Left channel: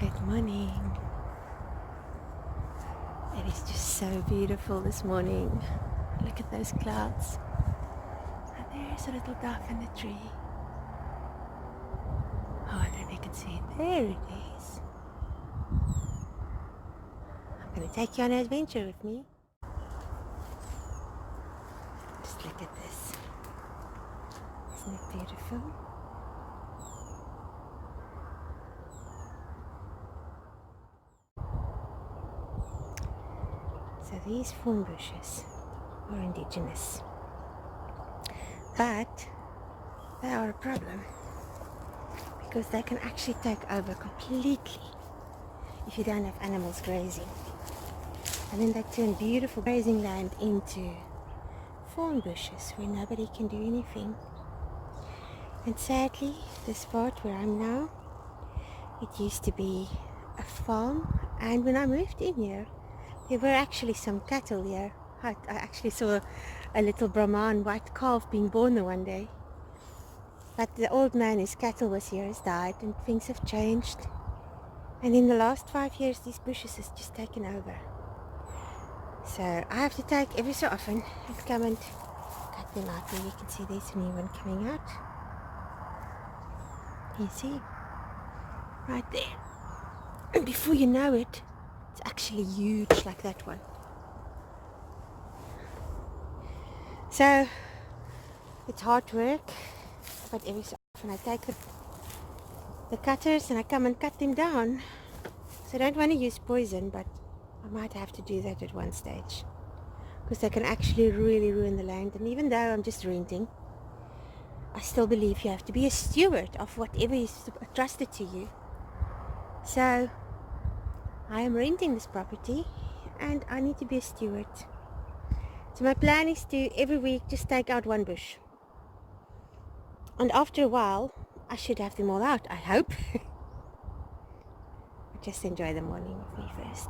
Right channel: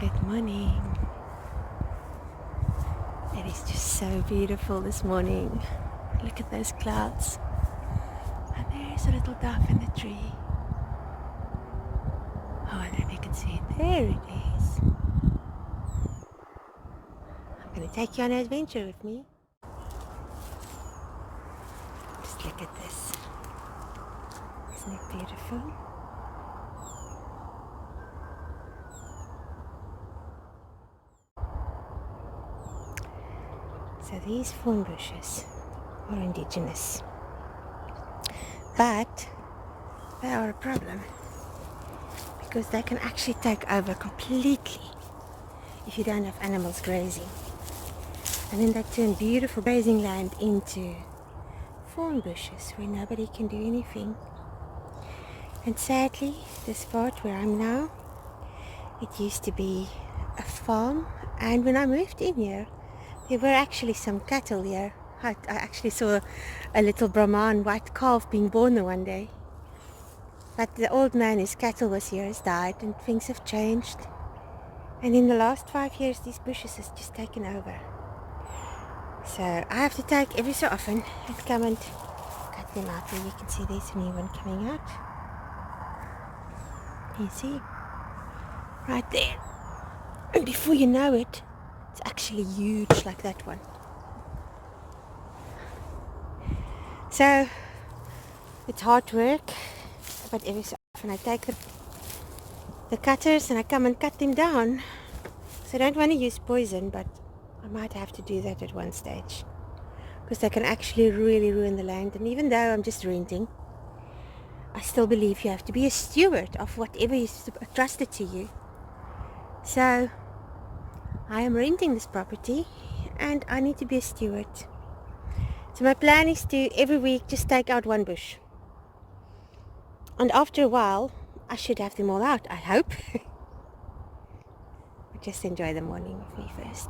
Good morning. It is just so beautiful this morning. Look at those clouds. And there's a little dove in the tree. Oh, I don't know if you can see it. There it is. I'm going to take you on an adventure with me. Just look at this. Isn't it beautiful? So these thorn bushes are indigenous, but they are a problem because they can actually take over completely if you don't have animals grazing, and then they turn beautiful grazing land into thorn bushes where nobody can do anything. And sadly, this part where I'm now, it used to be a farm, and when I moved in here, there were actually some cattle here. I actually saw a little Brahman white calf being born the one day. But the old man whose cattle was here has died, and things have changed. And in the last 5 years, these bushes has just taken over. So I have to take every so often and come and cut them out. There you can see there's a new one coming out. You see? Right there. And before you know it, it's actually huge like that one. So it's hard work, but every so often I take the cutters and I come and cut them down. So I don't want to use poison, but I might have to do that at one stage, because they can actually really ruin the land. And even though I'm just renting, I still believe you have to be a steward of whatever is trusted to you. So I am renting this property and I need to be a steward. So my plan is to every week just take out one bush. And after a while, I should have them all out, I hope. But just enjoy the morning with me first.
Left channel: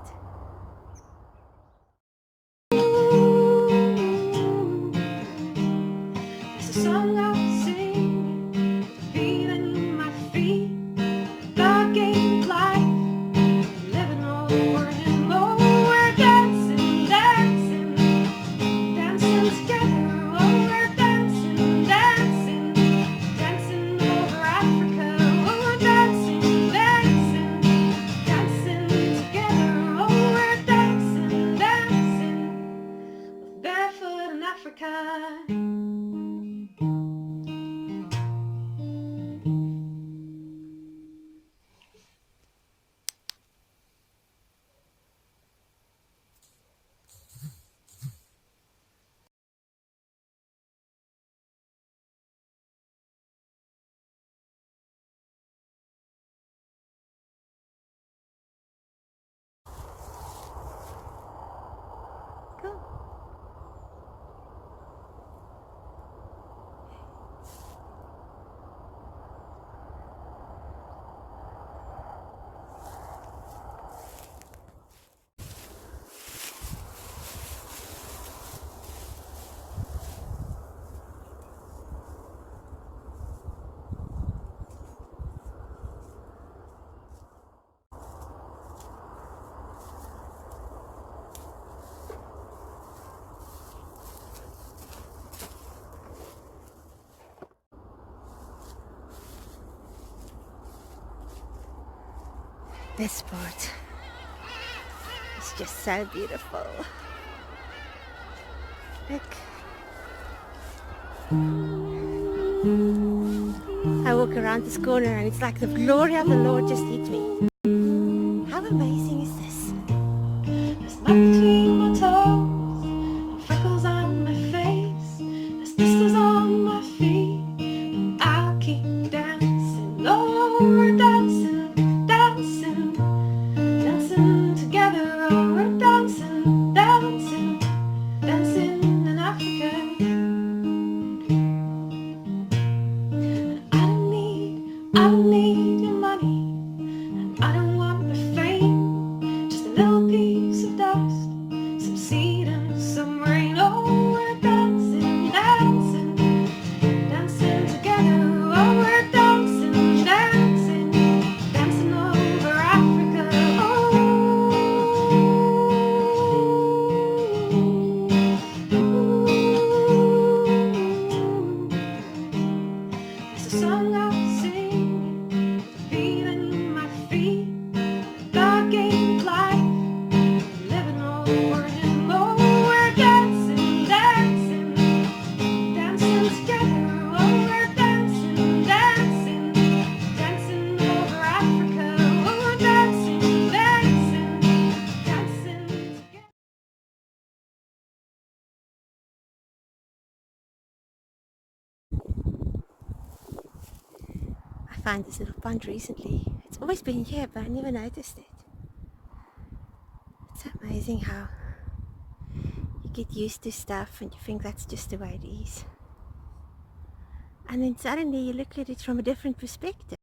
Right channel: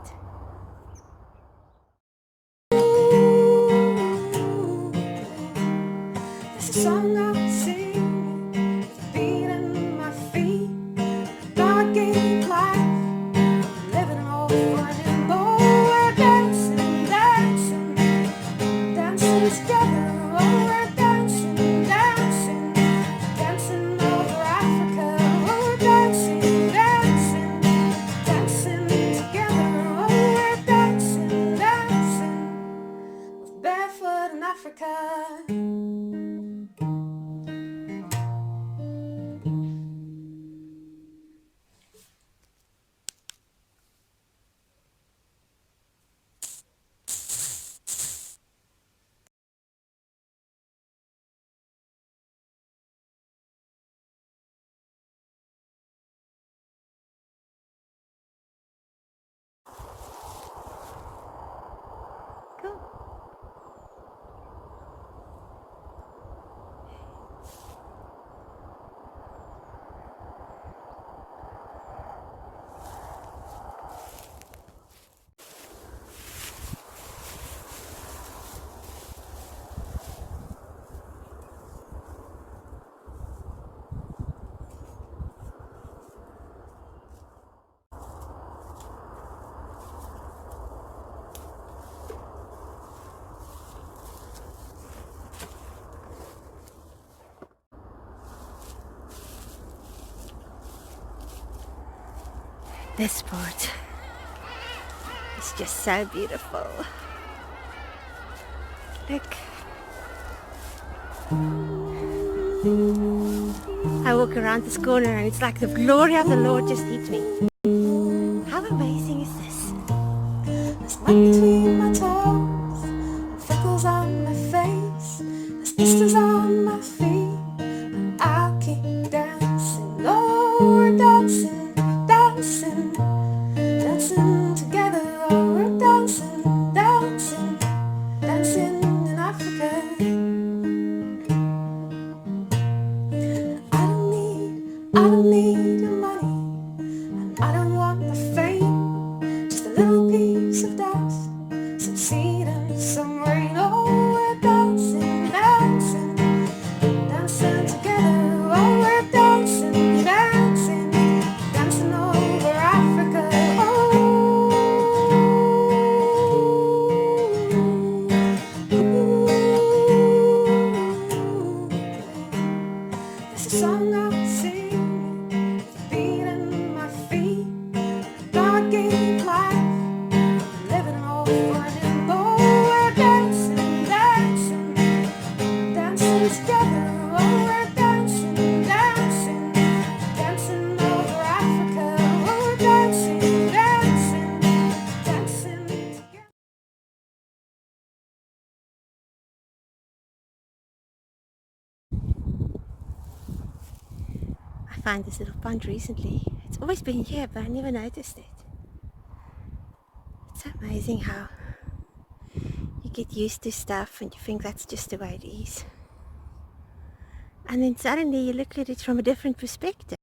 It's a song I sing with a beat in my feet. God gave life, living all for Him. Oh, we're dancing, dancing, dancing together. Oh, we're dancing, dancing, dancing over Africa. Oh, we're dancing, dancing, dancing together. Oh, we're dancing, dancing with barefoot in Africa. Cool. This part is just so beautiful. Look. I walk around this corner and it's like the glory of the Lord just hit me. How amazing is this? There's mud between my toes and freckles on my face. There's blisters on my feet, and I'll keep dancing. Oh, we're dancing, dancing, dancing together. Oh, we're dancing, dancing, dancing in Africa. I don't need your money, and I don't want the fame. Just a little piece of dust, some seed and some rain. Oh, we're dancing, dancing, dancing together. Oh, we're dancing, dancing, dancing over Africa. find this little pond recently. It's always been here, but I never noticed it. It's amazing how you get used to stuff and you think that's just the way it is. And then suddenly you look at it from a different perspective.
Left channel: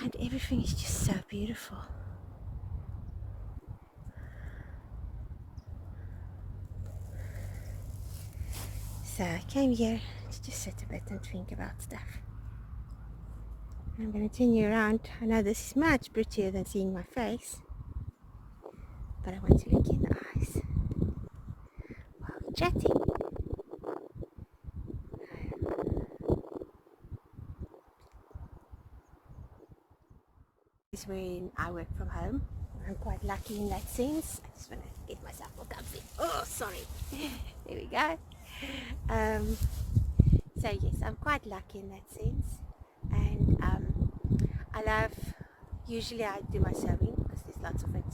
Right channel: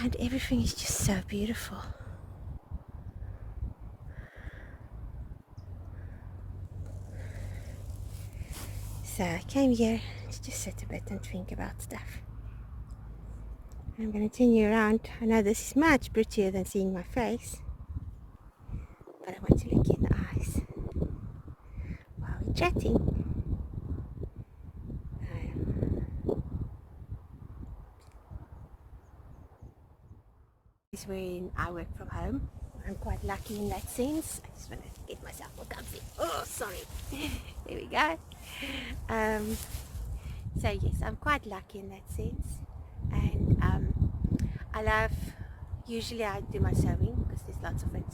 And everything is just so beautiful. So I came here to just sit a bit and think about stuff. I'm going to turn you around. I know this is much prettier than seeing my face, but I want to look you in the eyes while we're chatting. This is when I work from home. I'm quite lucky in that sense. I just want to get myself more comfy. Oh, sorry. There we go. So yes, I'm quite lucky in that sense. And I love, usually I do my sewing because there's lots of it.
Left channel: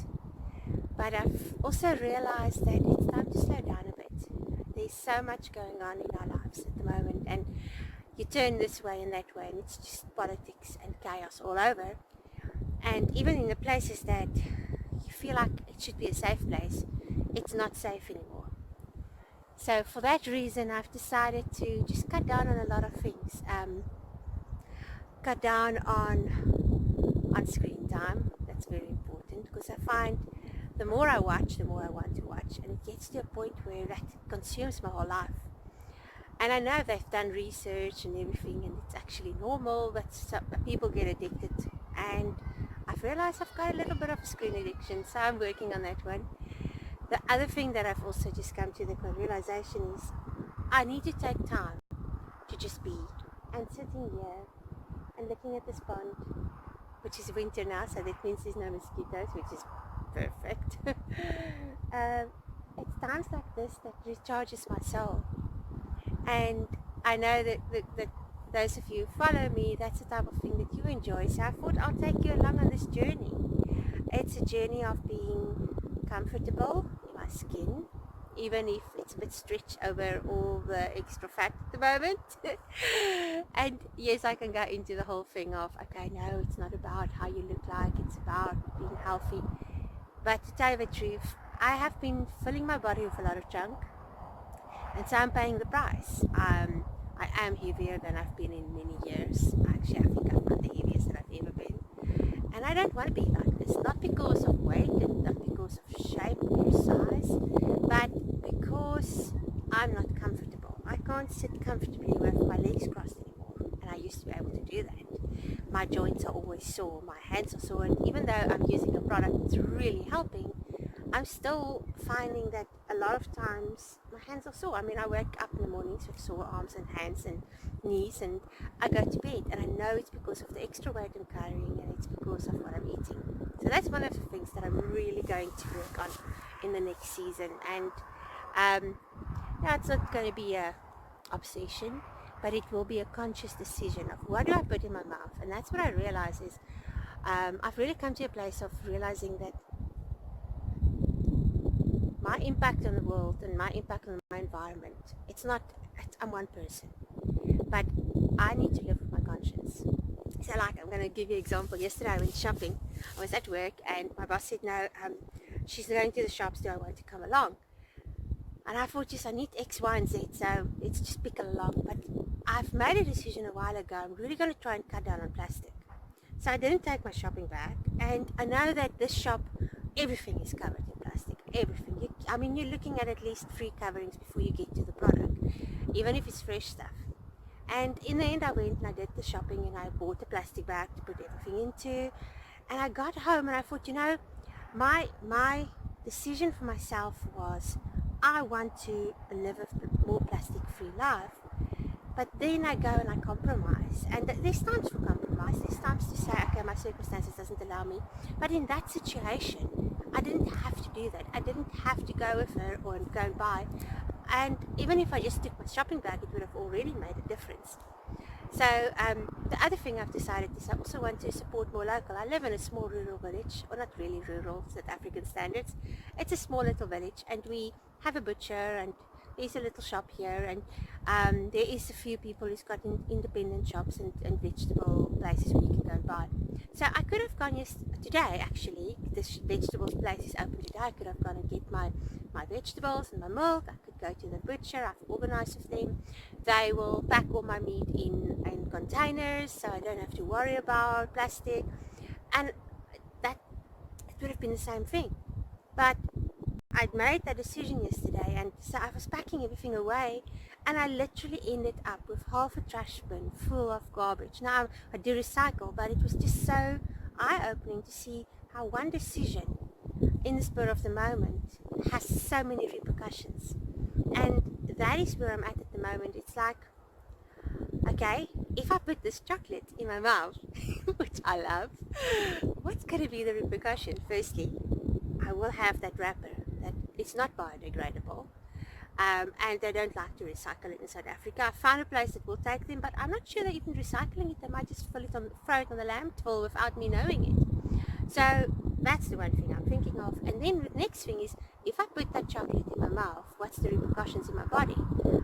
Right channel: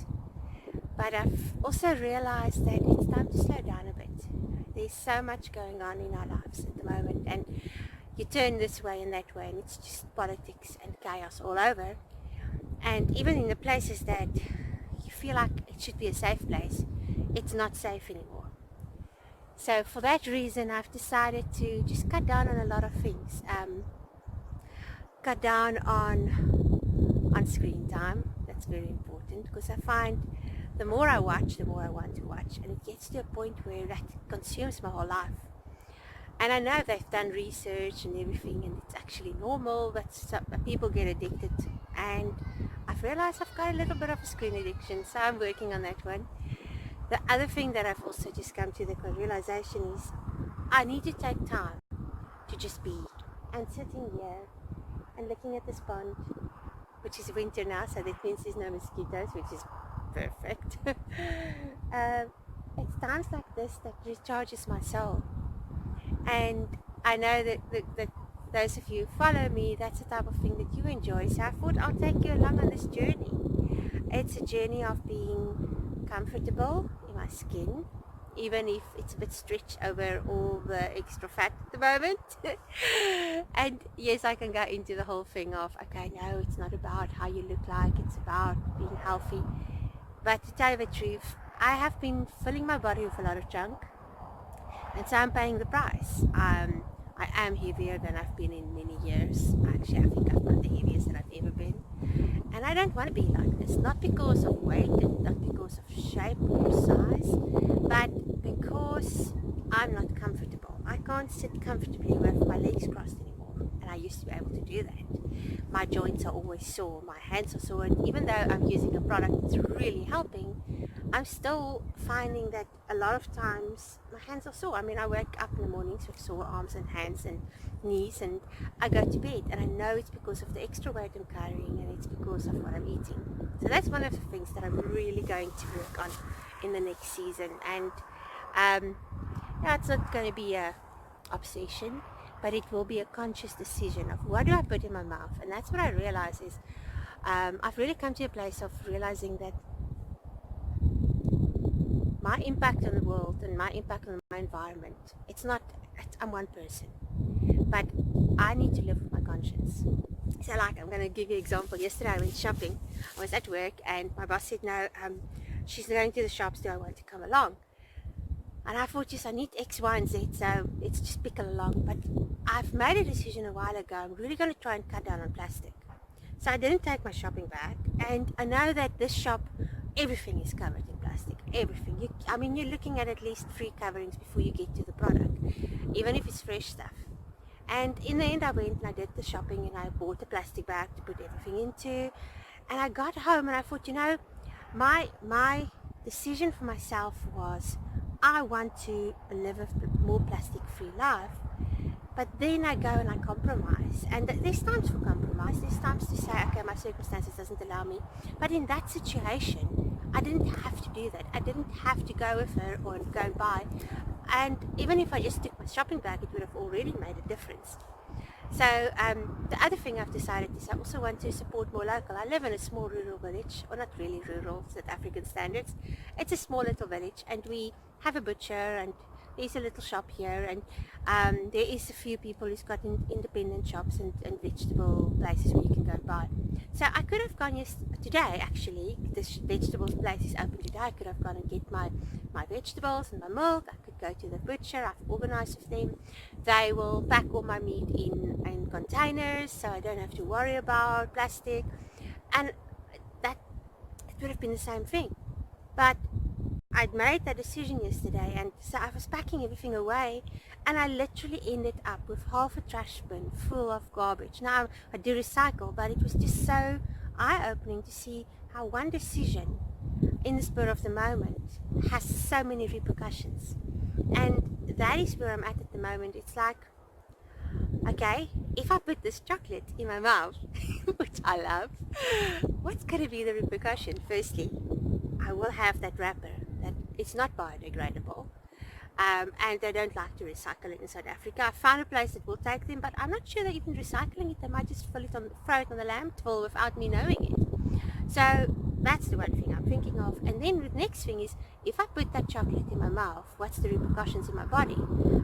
But I've also realized that it's time to slow down a bit. There's so much going on in our lives at the moment, and you turn this way and that way, and it's just politics and chaos all over. And even in the places that you feel like it should be a safe place, it's not safe anymore. So for that reason, I've decided to just cut down on a lot of things. Cut down on screen time. That's very important, because I find the more I watch, the more I want to watch, and it gets to a point where that consumes my whole life. And I know they've done research and everything, and it's actually normal that people get addicted. And I've realized I've got a little bit of a screen addiction, so I'm working on that one. The other thing that I've also just come to the realization is I need to take time to just be. And sitting here and looking at this pond, which is winter now, so that means there's no mosquitoes, which is perfect. It's times like this that recharges my soul. And I know that those of you who follow me, that's the type of thing that you enjoy. So I thought I'll take you along on this journey. It's a journey of being comfortable in my skin, even if it's a bit stretched over all the extra fat at the moment. And yes, I can go into the whole thing of, okay, no, it's not about how you look like, it's about being healthy. But to tell you the truth, I have been filling my body with a lot of junk, and so I'm paying the price. I am heavier than I've been in many years. Actually, I think I'm not the heaviest that I've ever been. And I don't want to be like this, not because of weight and not because of shape or size, but because I'm not comfortable. I can't sit comfortably with my legs crossed anymore, and I used to be able to do that. My joints are always sore, my hands are sore, and even though I'm using a product that's really helping, I'm still finding that a lot of times my hands are sore. I mean, I wake up in the mornings with sore arms and hands and knees, and I go to bed, and I know it's because of the extra weight I'm carrying, and it's because of what I'm eating. So that's one of the things that I'm really going to work on in the next season. And yeah, it's not going to be a obsession, but it will be a conscious decision of what do I put in my mouth. And that's what I realize is I've really come to a place of realizing that my impact on the world and my impact on my environment, I'm one person, but I need to live with my conscience. So like, I'm going to give you an example. Yesterday I went shopping. I was at work and my boss said, no, she's going to the shops, do I want to come along? And I thought, yes, I need X, Y, and Z, so let's just pick along. But I've made a decision a while ago. I'm really going to try and cut down on plastic. So I didn't take my shopping bag. And I know that this shop, everything is covered in plastic. Everything. I mean, you're looking at least 3 coverings before you get to the product, even if it's fresh stuff. And in the end, I went and I did the shopping, and I bought a plastic bag to put everything into. And I got home and I thought, you know, my decision for myself was, I want to live a more plastic-free life. But then I go and I compromise. And there's times for compromise. There's times to say, okay, my circumstances doesn't allow me. But in that situation, I didn't have to do that. I didn't have to go with her or go and buy. And even if I just took my shopping bag, it would have already made a difference. So the other thing I've decided is I also want to support more local. I live in a small rural village, or not really rural, South African standards. It's a small little village, and we have a butcher, and there's a little shop here, and there is a few people who's got independent shops and vegetable places where you can go and buy. So I could have gone today, actually. This vegetables place is open today. I could have gone and get my vegetables and my milk. I could go to the butcher. I've organized with them. They will pack all my meat in containers, so I don't have to worry about plastic. And that, it would have been the same thing. But I'd made that decision yesterday, and so I was packing everything away, and I literally ended up with half a trash bin full of garbage. Now, I do recycle, but it was just so eye-opening to see how one decision in the spur of the moment has so many repercussions. And that is where I'm at the moment. It's like, okay, if I put this chocolate in my mouth, which I love, what's going to be the repercussion? Firstly, I will have that wrapper that it's not biodegradable, and they don't like to recycle it in South Africa. I found a place that will take them, but I'm not sure they're even recycling it. They might just throw it on the landfill without me knowing it. So that's the one thing I'm thinking of. And then the next thing is, if I put that chocolate in my mouth, what's the repercussions in my body?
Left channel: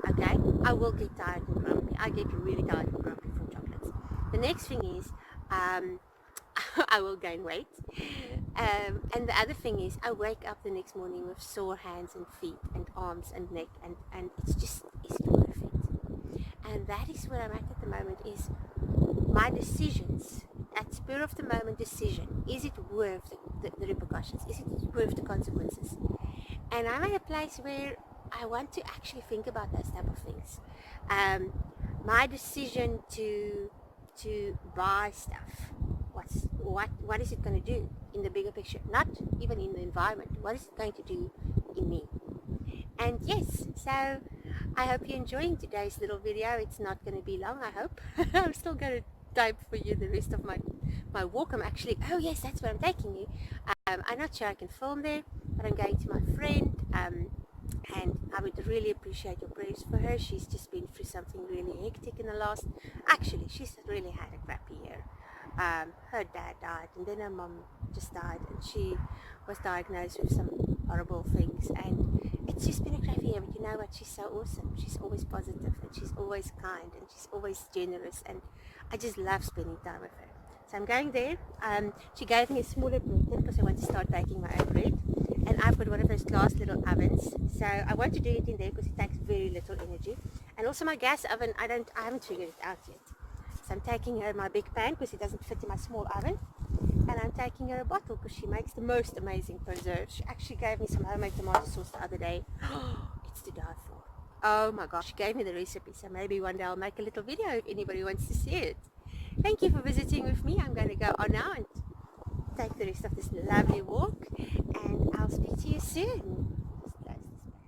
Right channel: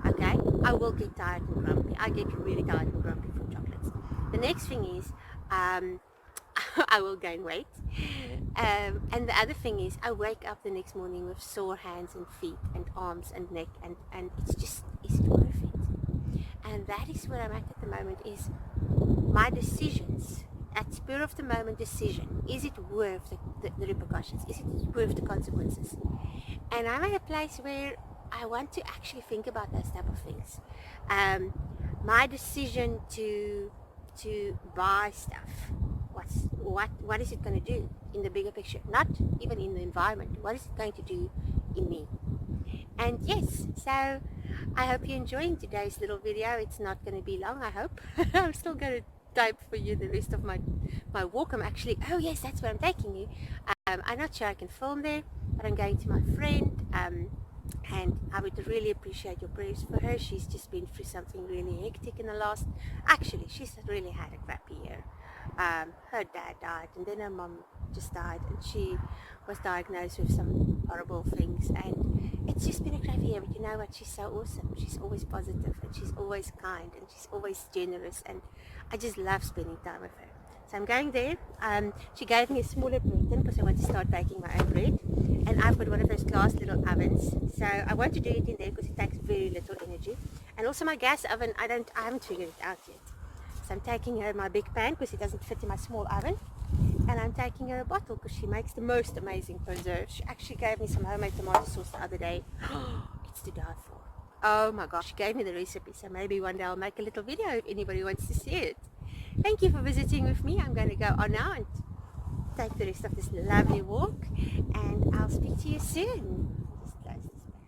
Okay, I will get tired and grumpy. I get really tired and grumpy from chocolates. The next thing is, I will gain weight. And the other thing is, I wake up the next morning with sore hands and feet and arms and neck, and it's just, is it worth it? And that is where I'm at the moment, is my decisions, at spur of the moment decision, is it worth the repercussions? Is it worth the consequences? And I'm at a place where I want to actually think about those type of things. My decision to buy stuff, what is it going to do in the bigger picture? Not even in the environment. What is it going to do in me? And yes, so I hope you're enjoying today's little video. It's not going to be long, I hope. I'm still going to type for you the rest of my walk. I'm actually, oh yes, that's where I'm taking you. I'm not sure I can film there, but I'm going to my friend, and I would really appreciate your prayers for her. She's just been through something really hectic in the last, actually she's really had a crappy year. Her dad died, and then her mom just died, and she was diagnosed with some horrible things, and it's just been a crappy year. But you know what, she's so awesome. She's always positive, and she's always kind, and she's always generous, and I just love spending time with her. So I'm going there. She gave me a smaller bread tin because I want to start baking my own bread, and I've got one of those glass little ovens, so I want to do it in there because it takes very little energy. And also my gas oven, I haven't figured it out yet. So I'm taking her my big pan because it doesn't fit in my small oven, and I'm taking her a bottle because she makes the most amazing preserves. She actually gave me some homemade tomato sauce the other day. It's to die for. Oh my gosh, she gave me the recipe, so maybe one day I'll make a little video if anybody wants to see it. Thank you for visiting with me. I'm going to go on now and take the rest of this lovely walk, and I'll speak to you soon. Just close this back.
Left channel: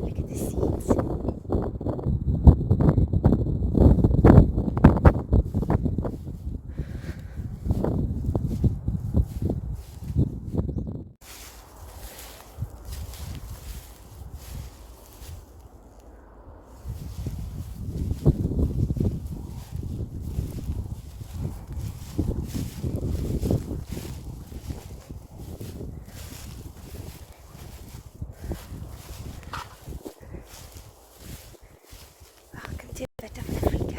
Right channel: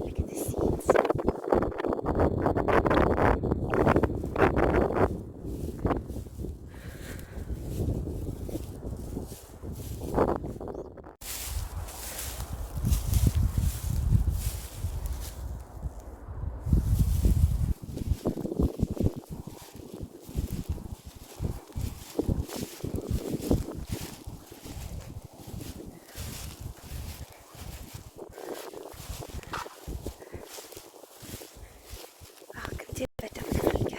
Look at the seeds. Welcome to a bit of Africa.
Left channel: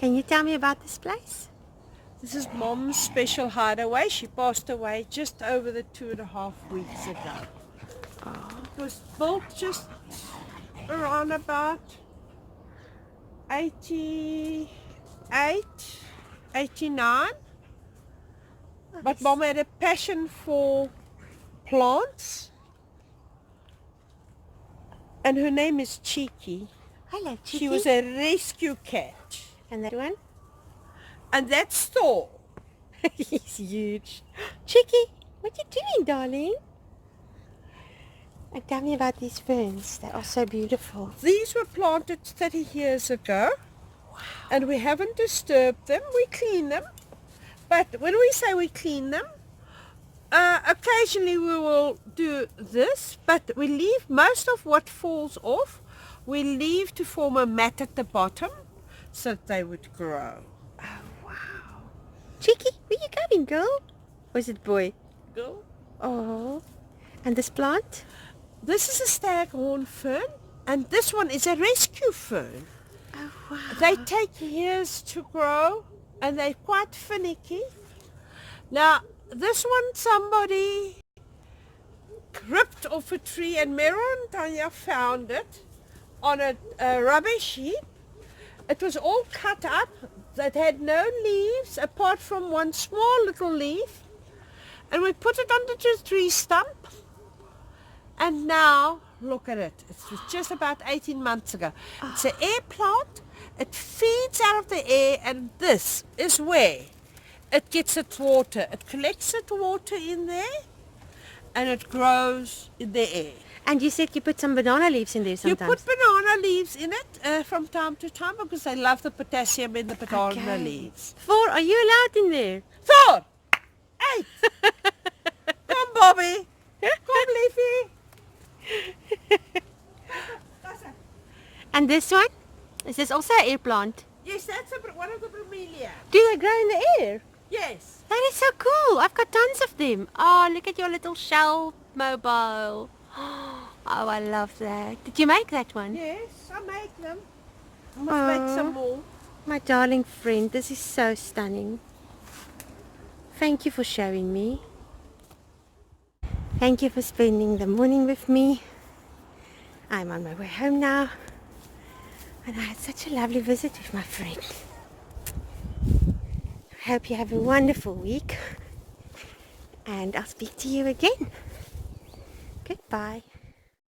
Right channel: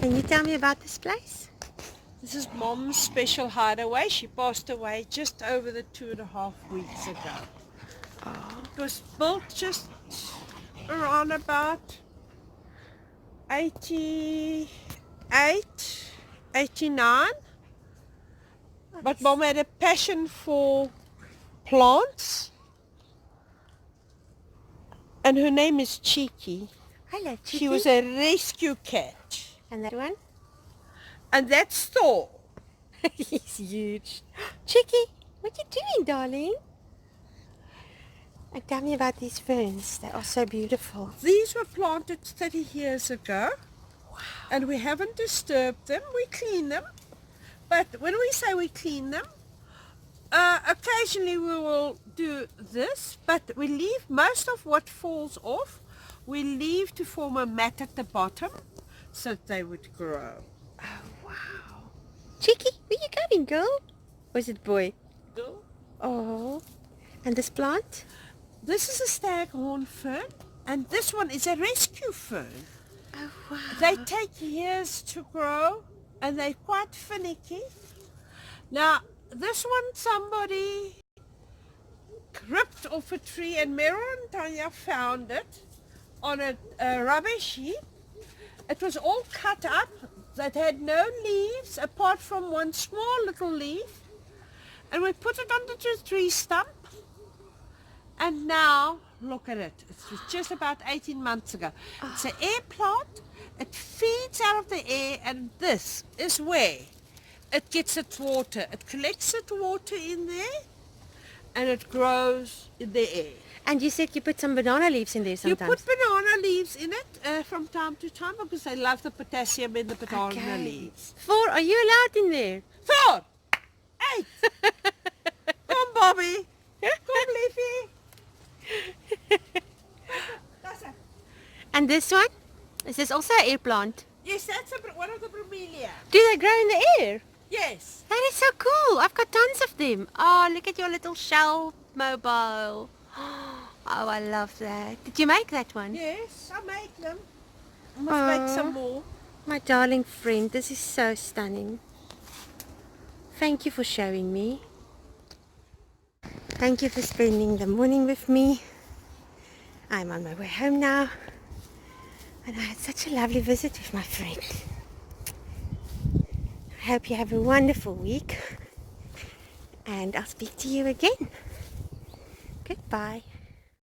Can you tell me about this place? This is Mom's special hideaway. She passed away just over the 2.5 weeks ago. Oh. It was built just around about 88, 89. But Mom had a passion for plants. And her name is Cheeky. Hello, Cheeky. She was a rescue cat. And that one? And that's Thor. He's huge. Cheeky, what you doing, darling? And tell me about these ferns. They are so beautiful. These were planted 30 years ago. Wow. And we haven't disturbed them. We clean them. But when we say we clean them, occasionally we will do this, but we leave most of what falls off, we leave to form a mat at the bottom so that they would grow. Oh, wow. Cheeky, where you going, girl? Or is it boy? Girl. Oh. And this plant? This is a staghorn fern, and this one is a rescue fern. Oh, wow. They take years to grow, and they're quite finicky. Now, this one somebody ripped off a tree, and Meryl and Tanya found it on a rubbish heap. It was all cut up. That had no leaves apart from one small little leaf. And we put it under the tree stump. And now, look at it. It was just about 18 months ago. It's an air plant. It feeds out of the air, and this is where it gets its water. It collects its water in there, and it grows in the air. And you said you put some banana leaves in there sometimes. You put banana leaves in it from time to time because I love the potassium in the banana leaves. 4, are you allowed in there? 4, 8. Come, Bobby. Come, Leafy. And this one? Is this also an air plant? Yes, that's one of the bromelia. Do they grow in the air? Yes. That is so cool. I've got tons of them. Oh, look at your little shell mobile. Oh, I love that. Did you make that one? Yes, I make them. I must make some more. My darling friend, this is so stunning. Thank you for showing me. Thank you for spending the morning with me. I'm on my way home now. And I had such a lovely visit with my friend. I hope you have a wonderful week. And I'll speak to you again. Goodbye.